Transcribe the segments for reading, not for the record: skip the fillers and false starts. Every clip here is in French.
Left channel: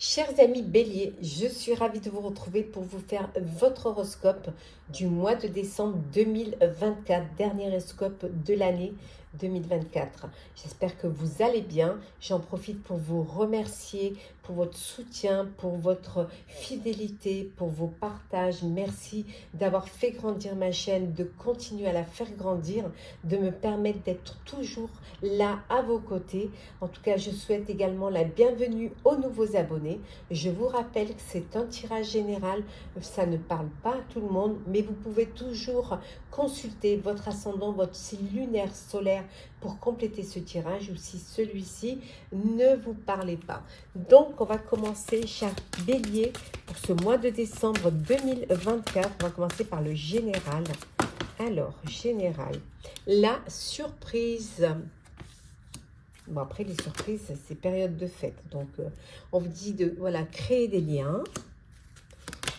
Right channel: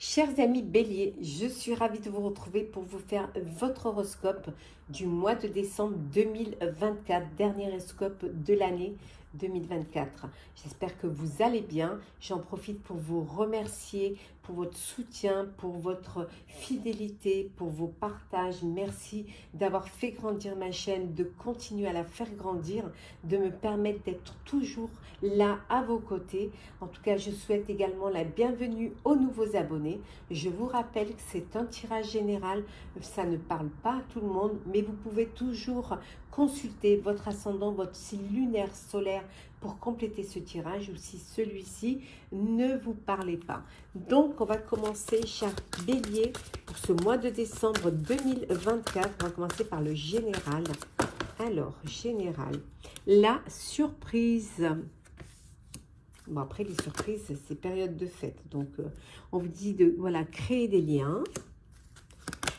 Chers amis Bélier, je suis ravie de vous retrouver pour vous faire votre horoscope du mois de décembre 2024, dernier horoscope de l'année 2024. J'espère que vous allez bien. J'en profite pour vous remercier pour votre soutien, pour votre fidélité, pour vos partages. Merci d'avoir fait grandir ma chaîne, de continuer à la faire grandir, de me permettre d'être toujours là à vos côtés. En tout cas, je souhaite également la bienvenue aux nouveaux abonnés. Je vous rappelle que c'est un tirage général, ça ne parle pas à tout le monde, mais vous pouvez toujours consulter votre ascendant, votre signe lunaire solaire pour compléter ce tirage ou si celui-ci ne vous parlait pas. Donc, on va commencer, cher Bélier, pour ce mois de décembre 2024. On va commencer par le général. Alors, général, la surprise. Bon, après, les surprises, c'est période de fête. Donc, on vous dit de voilà, créer des liens.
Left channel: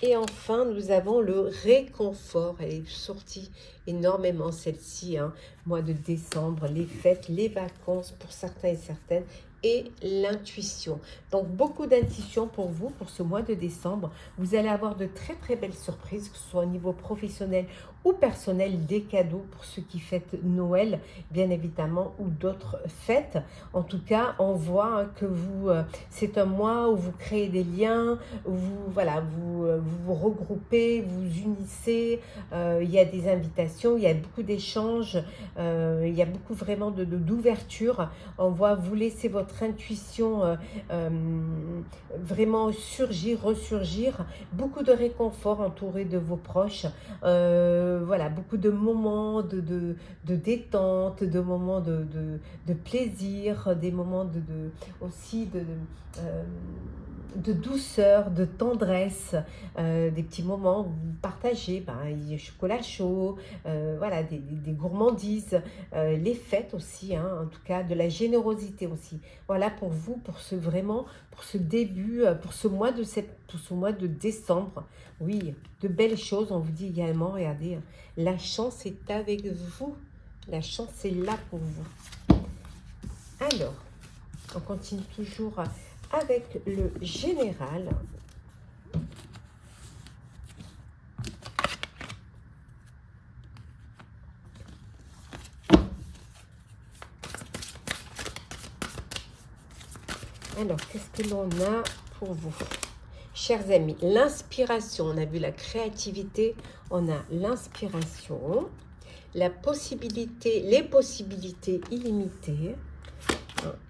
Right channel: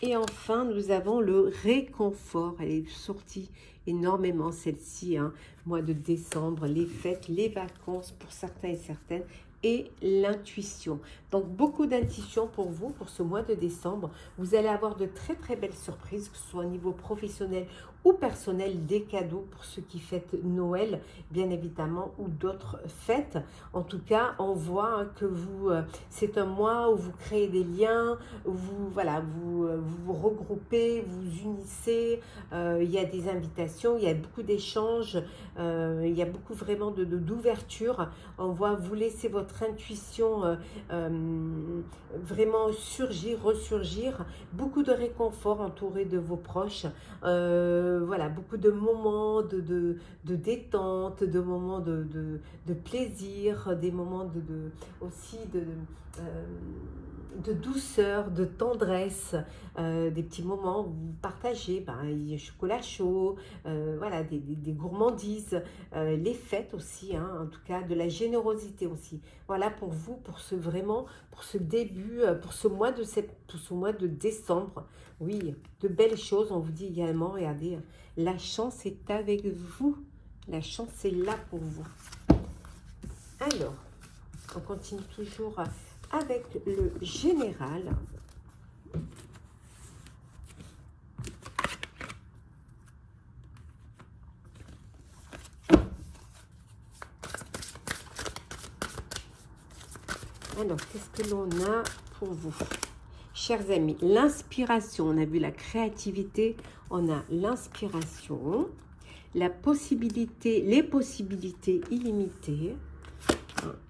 Et enfin, nous avons le réconfort. Elle est sortie énormément, celle-ci, hein, mois de décembre, les fêtes, les vacances pour certains et certaines, et l'intuition. Donc, beaucoup d'intuition pour vous, pour ce mois de décembre. Vous allez avoir de très, très belles surprises, que ce soit au niveau professionnel ou personnel, des cadeaux pour ceux qui fêtent Noël, bien évidemment, ou d'autres fêtes. En tout cas, on voit que vous, c'est un mois où vous créez des liens, où vous, voilà, vous regroupez, vous unissez, il y a des invitations, il y a beaucoup d'échanges, il y a beaucoup vraiment d'ouverture. On voit vous laisser votre intuition vraiment surgir, ressurgir, beaucoup de réconfort entouré de vos proches. Voilà, beaucoup de moments de détente, de moments de plaisir, des moments aussi de douceur, de tendresse, des petits moments où vous partagez, ben, chocolat chaud, voilà, des gourmandises, les fêtes aussi, hein, en tout cas de la générosité aussi. Voilà pour vous, pour ce vraiment, pour ce début, pour ce mois de décembre. Oui, de belles choses, on vous dit également, regardez, la chance est avec vous, la chance est là pour vous. Alors, on continue toujours avec le général. Alors, qu'est-ce que l'on a pour vous? Chers amis, l'inspiration, on a vu la créativité, on a l'inspiration, la possibilité, les possibilités illimitées,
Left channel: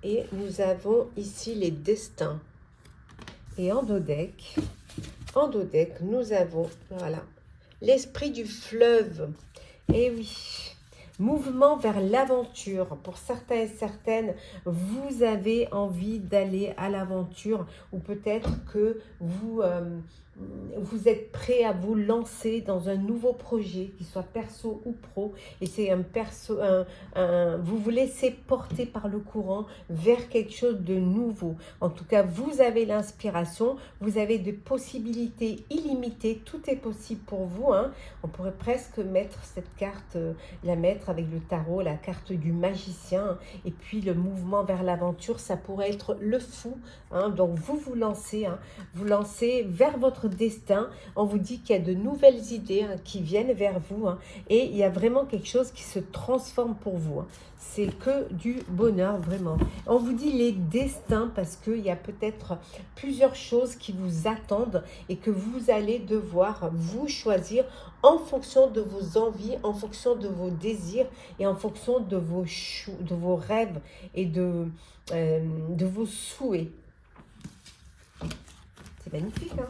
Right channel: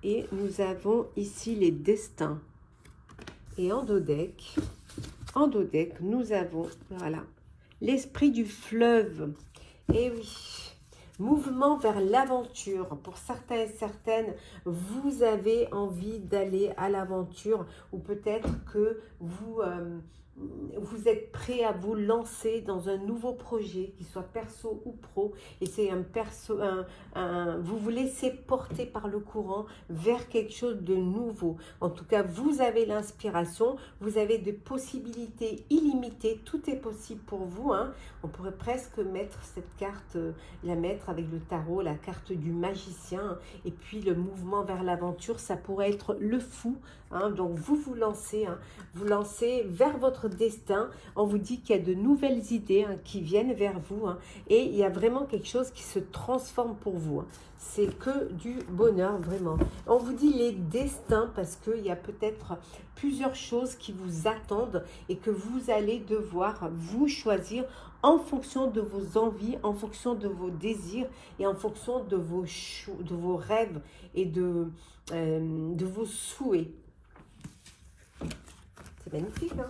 et nous avons ici les destins. Et en dos deck, nous avons, voilà, l'esprit du fleuve. Et oui, mouvement vers l'aventure. Pour certains et certaines, vous avez envie d'aller à l'aventure ou peut-être que vous êtes prêt à vous lancer dans un nouveau projet, qu'il soit perso ou pro, et c'est vous vous laissez porter par le courant vers quelque chose de nouveau. En tout cas, vous avez l'inspiration, vous avez des possibilités illimitées, tout est possible pour vous, hein. On pourrait presque mettre cette carte, la mettre avec le tarot, la carte du magicien, et puis le mouvement vers l'aventure, ça pourrait être le fou, hein. Donc vous lancez, hein, vous lancez vers votre destin. On vous dit qu'il y a de nouvelles idées, hein, qui viennent vers vous, hein, et il y a vraiment quelque chose qui se transforme pour vous, hein. C'est que du bonheur, vraiment. On vous dit les destins parce qu'il y a peut-être plusieurs choses qui vous attendent et que vous allez devoir vous choisir en fonction de vos envies, en fonction de vos désirs et en fonction de vos rêves et de vos souhaits. C'est magnifique, hein?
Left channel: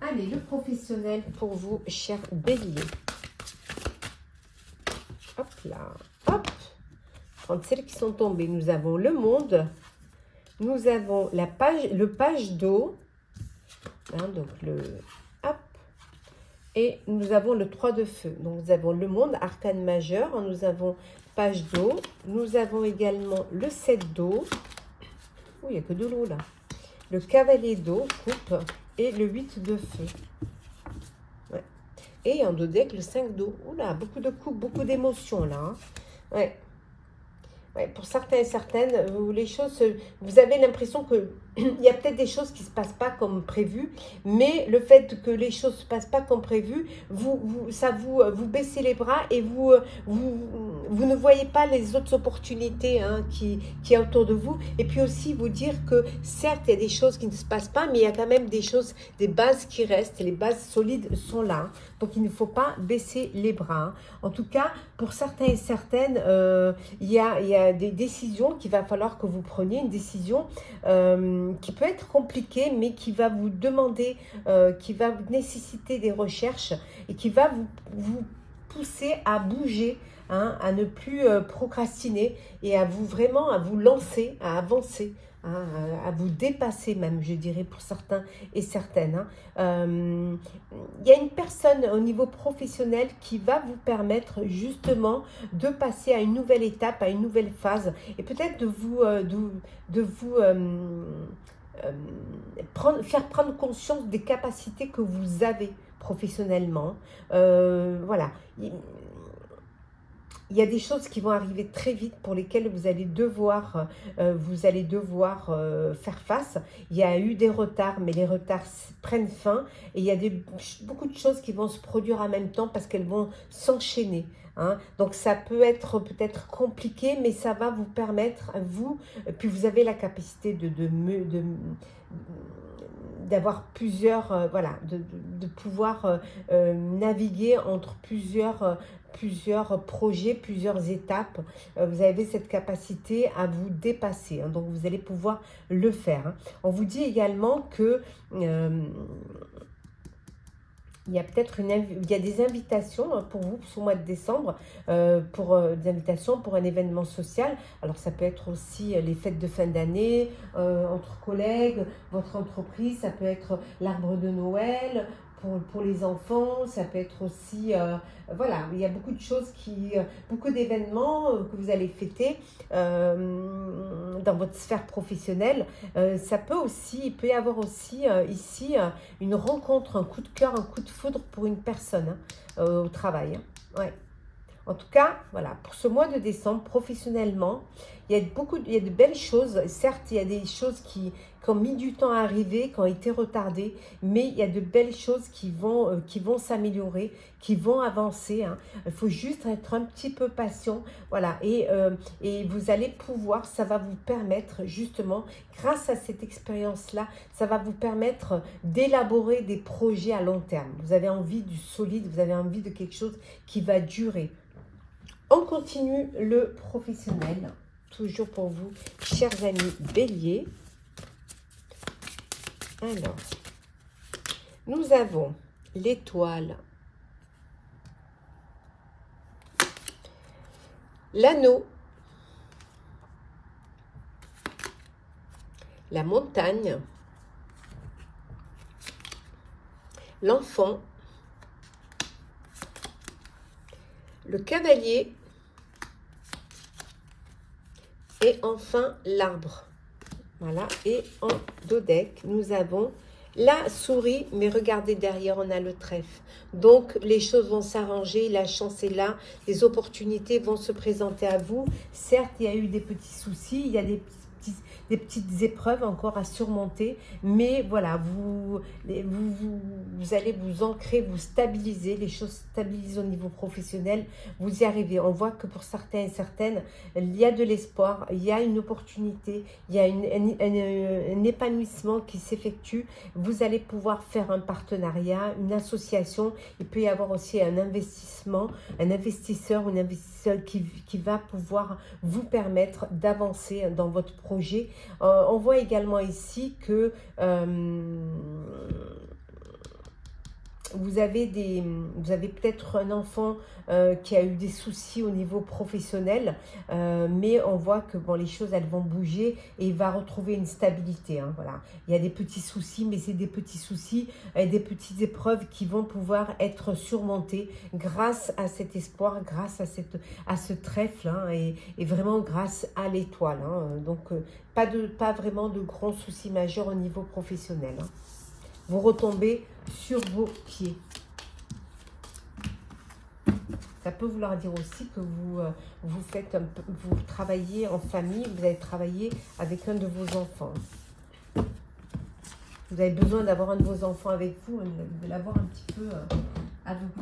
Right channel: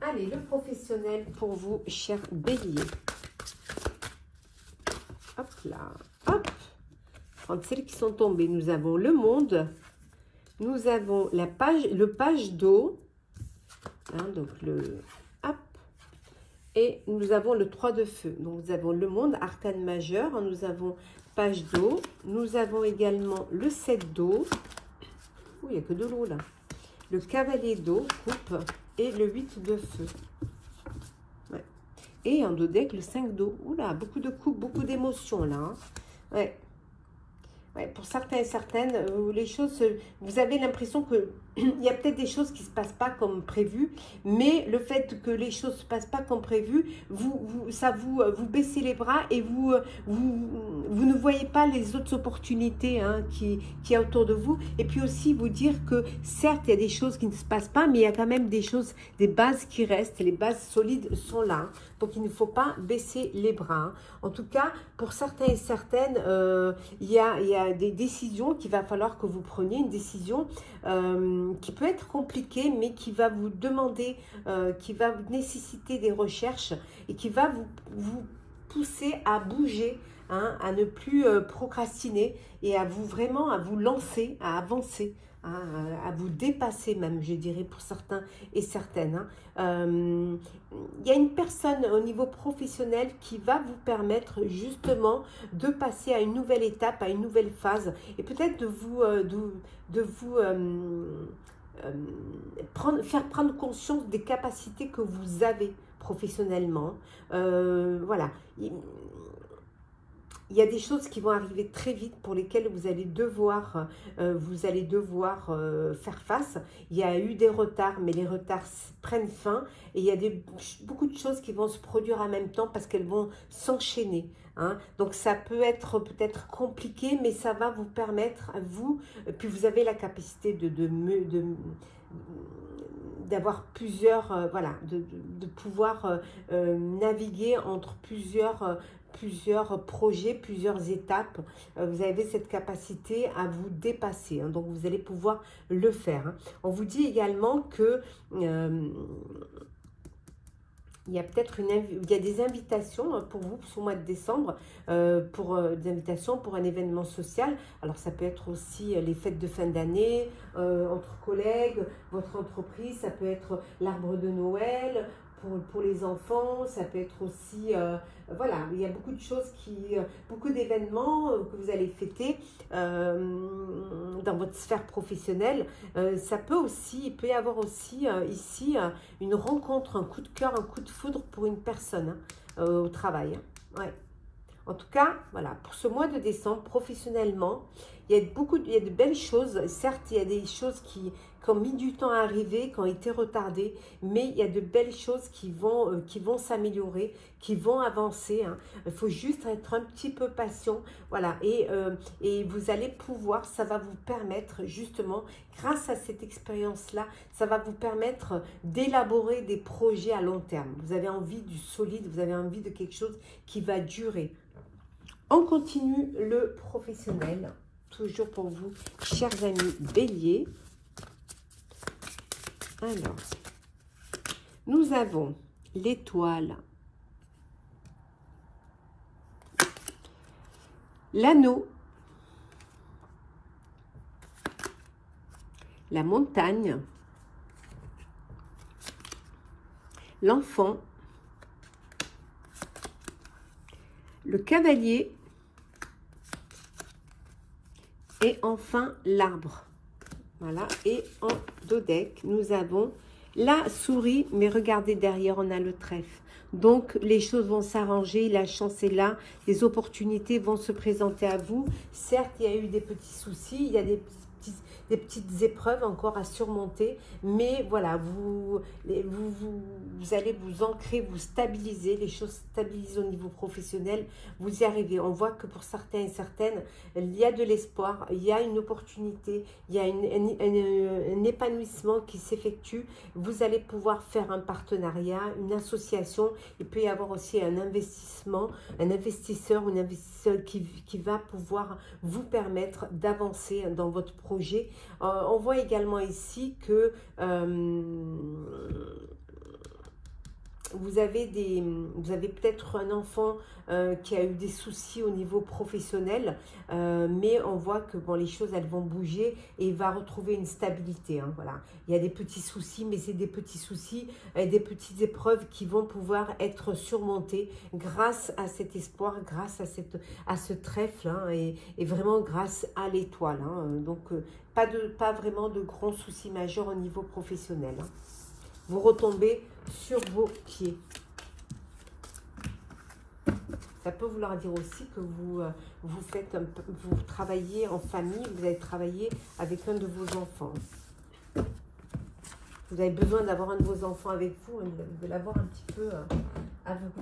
Allez, le professionnel pour vous, cher Bélier. Hop là, hop. Entre celles qui sont tombées, nous avons le monde, nous avons le page d'eau, hein, donc hop, et nous avons le 3 de feu. Donc nous avons le monde, arcane majeur, nous avons page d'eau, nous avons également le 7 d'eau. Oh, il n'y a que de l'eau là. Le cavalier d'eau, coupe, et le 8 de feu. Ouais. Et en dos deck, le 5 d'eau. Oula, beaucoup de coups, beaucoup d'émotions là, hein. Ouais. Ouais, pour certains et certaines, où les choses, vous avez l'impression que il y a peut-être des choses qui ne se passent pas comme prévu, mais le fait que les choses ne se passent pas comme prévu, vous baissez les bras et vous ne voyez pas les autres opportunités hein, qui y a autour de vous. Et puis aussi vous dire que certes, il y a des choses qui ne se passent pas, mais il y a quand même des choses, des bases qui restent, et les bases solides sont là. Hein. Donc il ne faut pas baisser les bras. Hein. En tout cas, pour certains et certaines, il y a des décisions qu'il va falloir que vous preniez, une décision qui peut être compliquée, mais qui va vous demander, qui va vous nécessiter des recherches et qui va vous pousser à bouger, hein, à ne plus procrastiner et à vous lancer, à avancer. À vous dépasser même, je dirais, pour certains et certaines. Hein. Y a une personne au niveau professionnel qui va vous permettre justement de passer à une nouvelle étape, à une nouvelle phase, et peut-être faire prendre conscience des capacités que vous avez professionnellement. Voilà. Il y a des choses qui vont arriver très vite pour lesquelles vous allez devoir faire face. Il y a eu des retards, mais les retards prennent fin. Et il y a beaucoup de choses qui vont se produire en même temps parce qu'elles vont s'enchaîner. Hein. Donc ça peut être peut-être compliqué, mais ça va vous permettre, puis vous avez la capacité d'avoir plusieurs, voilà, de pouvoir naviguer entre plusieurs projets, plusieurs étapes. Vous avez cette capacité à vous dépasser. Hein, donc, vous allez pouvoir le faire. Hein. On vous dit également que il y a peut-être des invitations pour vous ce mois de décembre, des invitations pour un événement social. Alors, ça peut être aussi les fêtes de fin d'année, entre collègues, votre entreprise, ça peut être l'arbre de Noël, pour les enfants, ça peut être aussi, voilà, il y a beaucoup de choses beaucoup d'événements que vous allez fêter dans votre sphère professionnelle. Il peut y avoir aussi ici une rencontre, un coup de cœur, un coup de foudre pour une personne hein, au travail. Hein. Ouais. En tout cas, voilà, pour ce mois de décembre, professionnellement, il y a de belles choses. Certes, il y a des choses qui ont mis du temps à arriver, qui ont été retardées, mais il y a de belles choses qui vont s'améliorer, qui vont avancer. Hein. Il faut juste être un petit peu patient, voilà, et vous allez pouvoir, ça va vous permettre justement, grâce à cette expérience-là, ça va vous permettre d'élaborer des projets à long terme. Vous avez envie du solide, vous avez envie de quelque chose qui va durer. On continue le professionnel, toujours pour vous, chers amis Bélier. Alors, nous avons l'étoile, l'anneau, la montagne, l'enfant, le cavalier et enfin l'arbre. Voilà, et en dodeck, nous avons la souris, mais regardez derrière, on a le trèfle. Donc, les choses vont s'arranger, la chance est là, les opportunités vont se présenter à vous. Certes, il y a eu des petits soucis, il y a des petites épreuves encore à surmonter, mais voilà, vous allez vous ancrer, vous stabiliser, les choses stabilisent au niveau professionnel, vous y arrivez. On voit que pour certains et certaines, il y a de l'espoir, il y a une opportunité, il y a un épanouissement qui s'effectue. Vous allez pouvoir faire un partenariat, une association, il peut y avoir aussi un investissement, un investisseur, une investisseuse qui va pouvoir vous permettre d'avancer dans votre projet. On voit également ici que vous avez peut-être un enfant qui a eu des soucis au niveau professionnel, mais on voit que bon, les choses elles vont bouger et il va retrouver une stabilité. Hein, voilà. Il y a des petits soucis, mais c'est des petits soucis, des petites épreuves qui vont pouvoir être surmontées grâce à cet espoir, grâce à ce trèfle hein, et vraiment grâce à l'étoile. Hein, donc pas vraiment de grands soucis majeurs au niveau professionnel. Hein. Vous retombez sur vos pieds. Ça peut vouloir dire aussi que vous travaillez en famille, vous allez travailler avec un de vos enfants. Vous avez besoin d'avoir un de vos enfants avec vous, de l'avoir un petit peu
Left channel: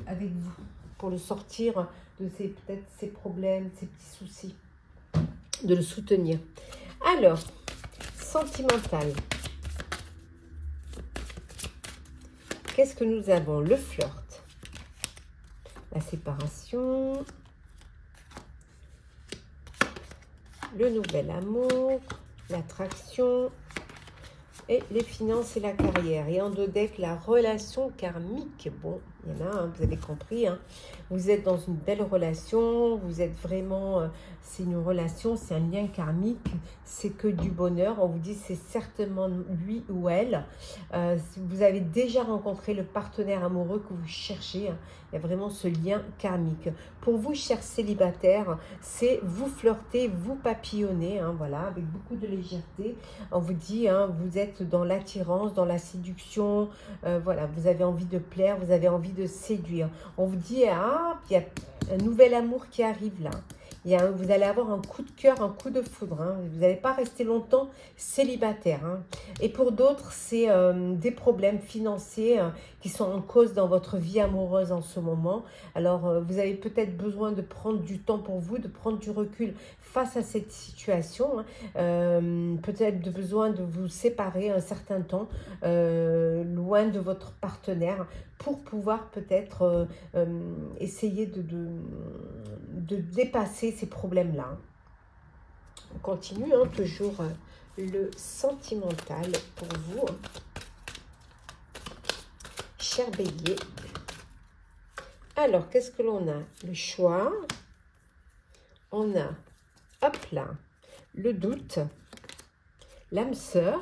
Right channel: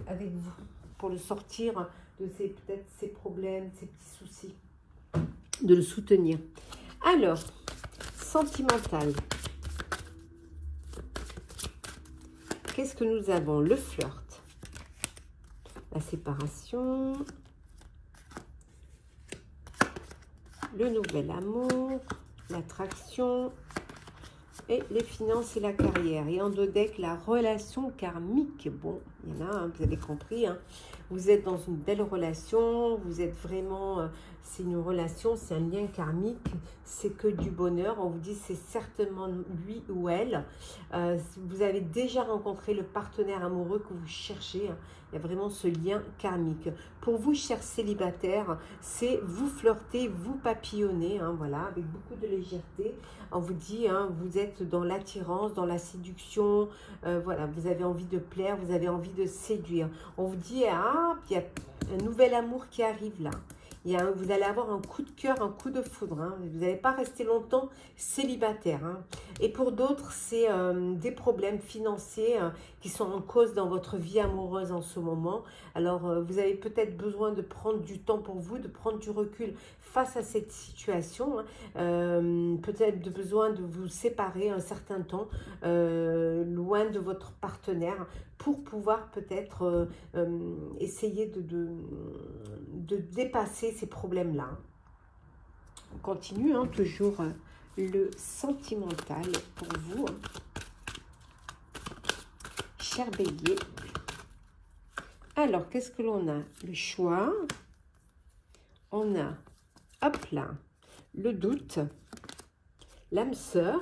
avec vous, pour le sortir de peut-être ses problèmes, ses petits soucis, de le soutenir. Alors, sentimental. Qu'est-ce que nous avons? Le flirt, la séparation, le nouvel amour, l'attraction et les finances et la carrière. Et en dos deck, la relation karmique. Bon, il y en a, hein, vous avez compris. Hein. Vous êtes dans une belle relation, vous êtes vraiment... c'est une relation, c'est un lien karmique, c'est que du bonheur. On vous dit c'est certainement lui ou elle. Si vous avez déjà rencontré le partenaire amoureux que vous cherchez, hein, il y a vraiment ce lien karmique. Pour vous, chers célibataires, c'est vous flirter, vous papillonner, hein, voilà, avec beaucoup de légèreté. On vous dit, hein, vous êtes dans l'attirance, dans la séduction, voilà, vous avez envie de plaire, vous avez envie de séduire. On vous dit, ah, il y a un nouvel amour qui arrive là. Vous allez avoir un coup de cœur, un coup de foudre. Hein. Vous n'allez pas rester longtemps célibataire. Hein. Et pour d'autres, c'est des problèmes financiers qui sont en cause dans votre vie amoureuse en ce moment. Alors, vous avez peut-être besoin de prendre du temps pour vous, de prendre du recul face à cette situation. Hein. Peut-être besoin de vous séparer un certain temps, loin de votre partenaire, pour pouvoir peut-être essayer de dépasser ces problèmes-là. On continue, hein, toujours le sentimental pour vous, hein. Cher Bélier. Alors, qu'est-ce que l'on a? Le choix. On a, hop là, le doute, l'âme sœur.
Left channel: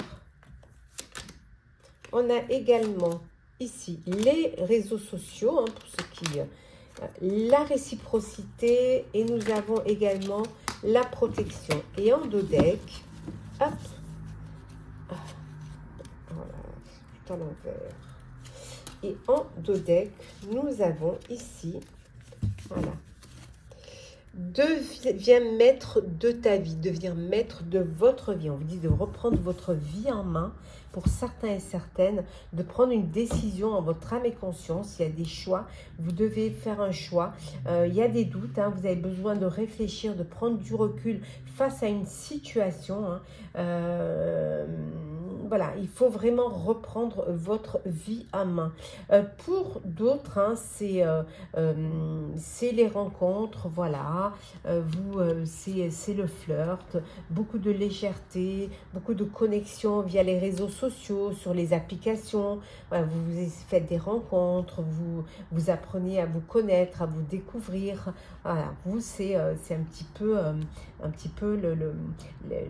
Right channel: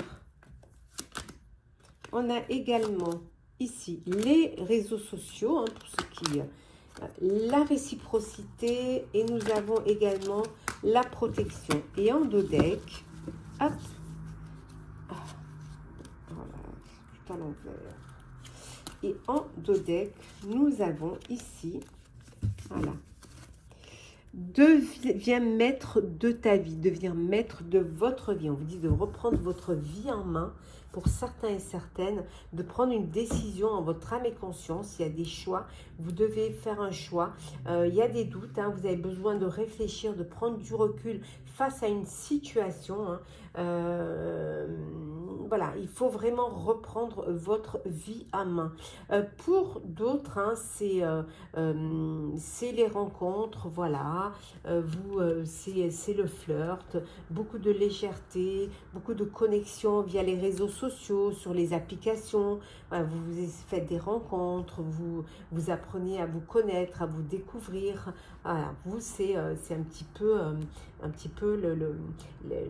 On a également ici les réseaux sociaux, hein, pour ceux qui... la réciprocité, et nous avons également la protection. Et en dos deck, hop, tout à l'envers. Et en dos deck, nous avons ici, voilà, deviens maître de ta vie, deviens maître de votre vie. On vous dit de reprendre votre vie en main. Pour certains et certaines, de prendre une décision en votre âme et conscience. Il y a des choix, vous devez faire un choix. Il y a des doutes, hein, vous avez besoin de réfléchir, de prendre du recul face à une situation. Hein. Voilà, il faut vraiment reprendre votre vie à main. Pour d'autres, hein, c'est les rencontres, voilà. C'est le flirt, beaucoup de légèreté, beaucoup de connexions via les réseaux sociaux, sur les applications. Voilà, vous faites des rencontres, vous apprenez à vous connaître, à vous découvrir. Voilà, vous, c'est un petit peu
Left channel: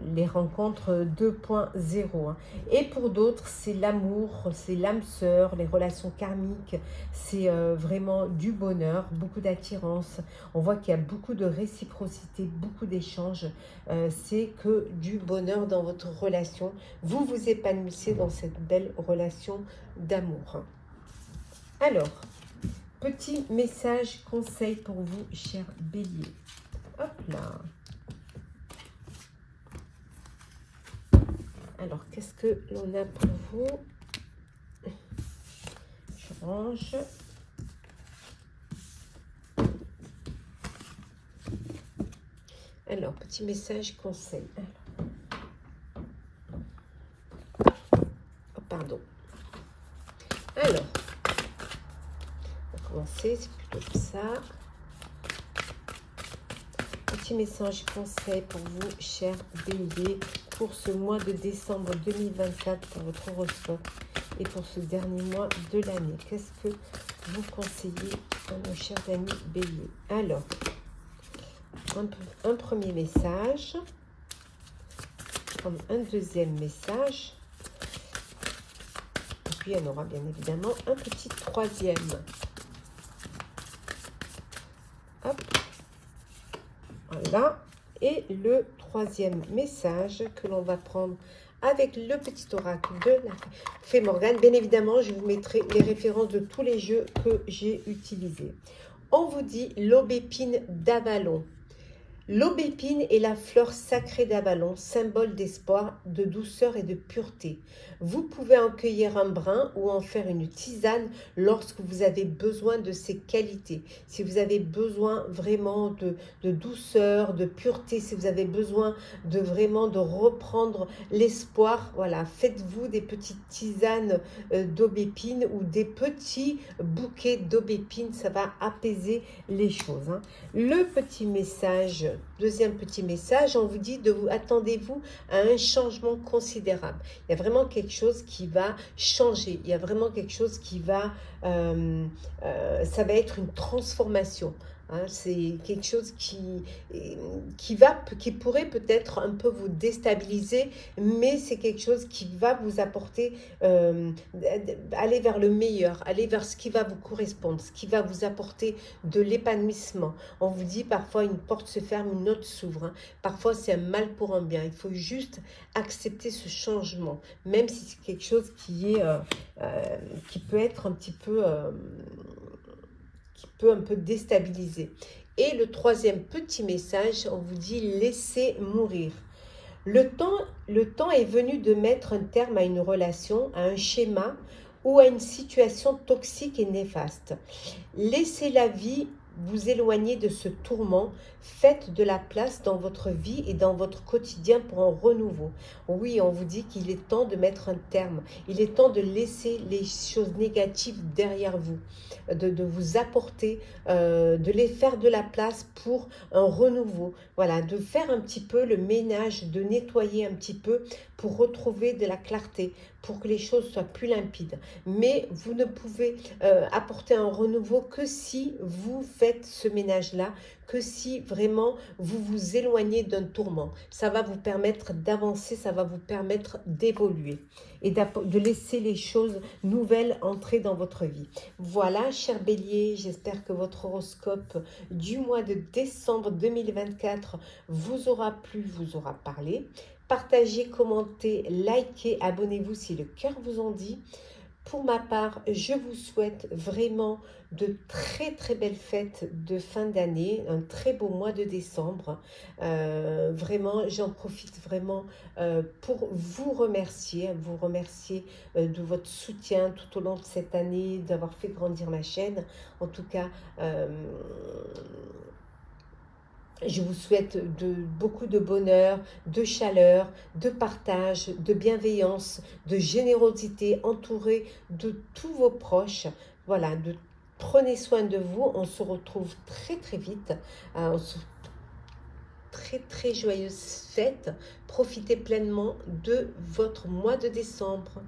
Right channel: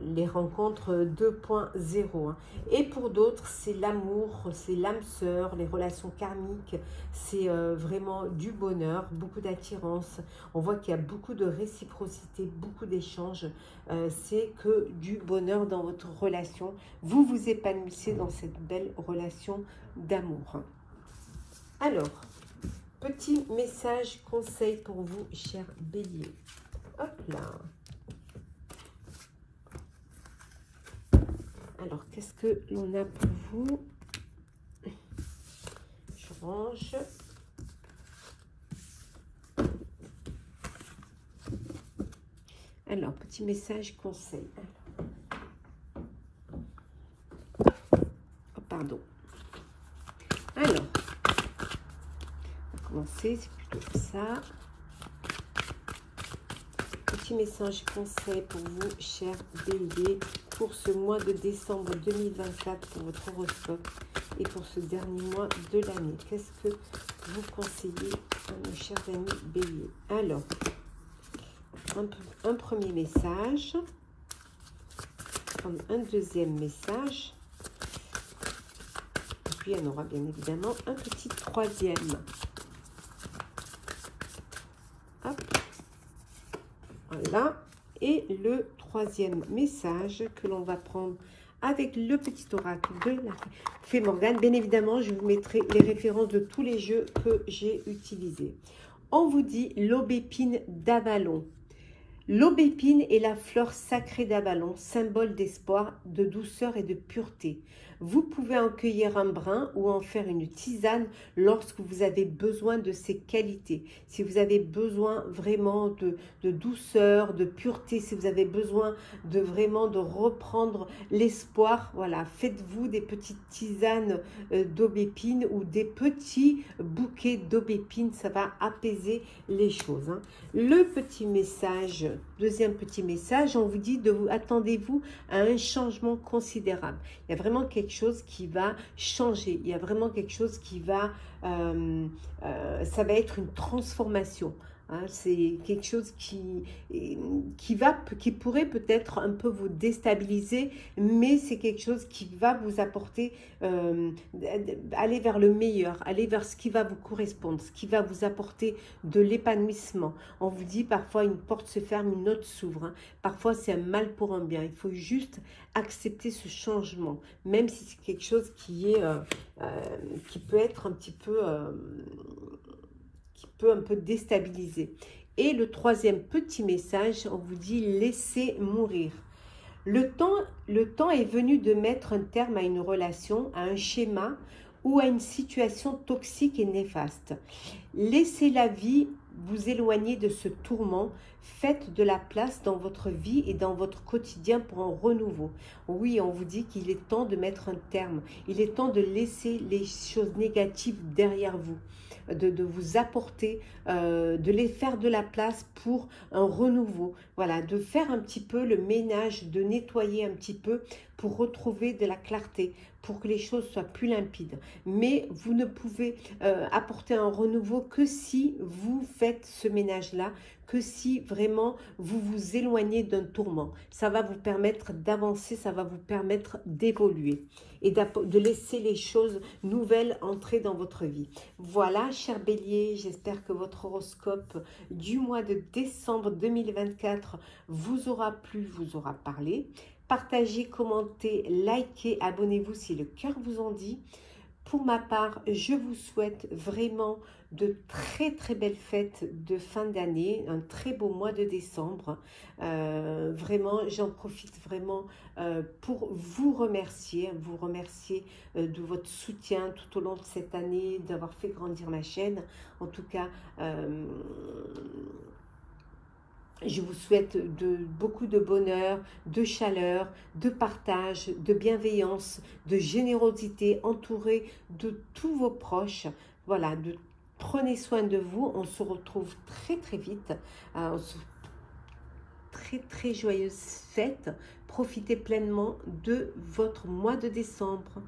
les rencontres 2.0. Hein. Et pour d'autres, c'est l'amour, c'est l'âme sœur, les relations karmiques, c'est vraiment du bonheur, beaucoup d'attirance. On voit qu'il y a beaucoup de réciprocité, beaucoup d'échanges. C'est que du bonheur dans votre relation. Vous vous épanouissez dans cette belle relation d'amour. Alors, petit message conseil pour vous, cher Bélier. Hop là. Alors, qu'est-ce que l'on a pour vous? Je range. Alors, petit message conseil. Oh, pardon. Alors, on va commencer, c'est plutôt ça. Petit message conseil pour vous, cher Bélier, pour ce mois de décembre 2024, pour votre horoscope et pour ce dernier mois de l'année. Qu'est-ce que vous conseillez à nos chers amis Bélier? Alors, un premier message, un deuxième message, et puis il y en aura bien évidemment un petit troisième. Hop. Voilà, et le troisième message que l'on va prendre avec le petit oracle de la Fée Morgane. Bien évidemment, je vous mettrai les références de tous les jeux que j'ai utilisés. On vous dit l'aubépine d'Avalon. L'aubépine est la fleur sacrée d'Avalon, symbole d'espoir, de douceur et de pureté. Vous pouvez en cueillir un brin ou en faire une tisane lorsque vous avez besoin de ces qualités. Si vous avez besoin vraiment de douceur, de pureté, si vous avez besoin de vraiment de reprendre l'espoir, voilà, faites-vous des petites tisanes d'aubépine ou des petits bouquets d'aubépine, ça va apaiser les choses. Hein. Le petit message, deuxième petit message, on vous dit attendez-vous à un changement considérable. Il y a vraiment quelque chose qui va changer. Il y a vraiment quelque chose qui va, ça va être une transformation. Hein, c'est quelque chose qui pourrait peut-être un peu vous déstabiliser, mais c'est quelque chose qui va vous apporter, aller vers le meilleur, aller vers ce qui va vous correspondre, ce qui va vous apporter de l'épanouissement. On vous dit parfois une porte se ferme, une autre s'ouvre. Hein. Parfois c'est un mal pour un bien. Il faut juste accepter ce changement, même si c'est quelque chose qui peut être un petit peu... un peu déstabiliser. Et le troisième petit message, on vous dit laissez mourir. Le temps est venu de mettre un terme à une relation, à un schéma ou à une situation toxique et néfaste. Laissez la vie vous éloigner de ce tourment. Faites de la place dans votre vie et dans votre quotidien pour un renouveau. Oui, on vous dit qu'il est temps de mettre un terme. Il est temps de laisser les choses négatives derrière vous, de vous apporter, de les faire de la place pour un renouveau. Voilà, de faire un petit peu le ménage, de nettoyer un petit peu pour retrouver de la clarté, pour que les choses soient plus limpides. Mais vous ne pouvez apporter un renouveau que si vous faites ce ménage-là, que si vraiment vous vous éloignez d'un tourment. Ça va vous permettre d'avancer, ça va vous permettre d'évoluer et de laisser les choses nouvelles entrer dans votre vie. Voilà, cher Bélier, j'espère que votre horoscope du mois de décembre 2024 vous aura plu, vous aura parlé. Partagez, commentez, likez, abonnez-vous si le cœur vous en dit. Pour ma part, je vous souhaite vraiment de très très belles fêtes de fin d'année, un très beau mois de décembre. Vraiment, j'en profite vraiment pour vous remercier de votre soutien tout au long de cette année, d'avoir fait grandir ma chaîne. En tout cas, je vous souhaite beaucoup de bonheur, de chaleur, de partage, de bienveillance, de générosité, entouré de tous vos proches. Voilà, prenez soin de vous. On se retrouve très très vite. Très très joyeuses fêtes. Profitez pleinement de votre mois de décembre.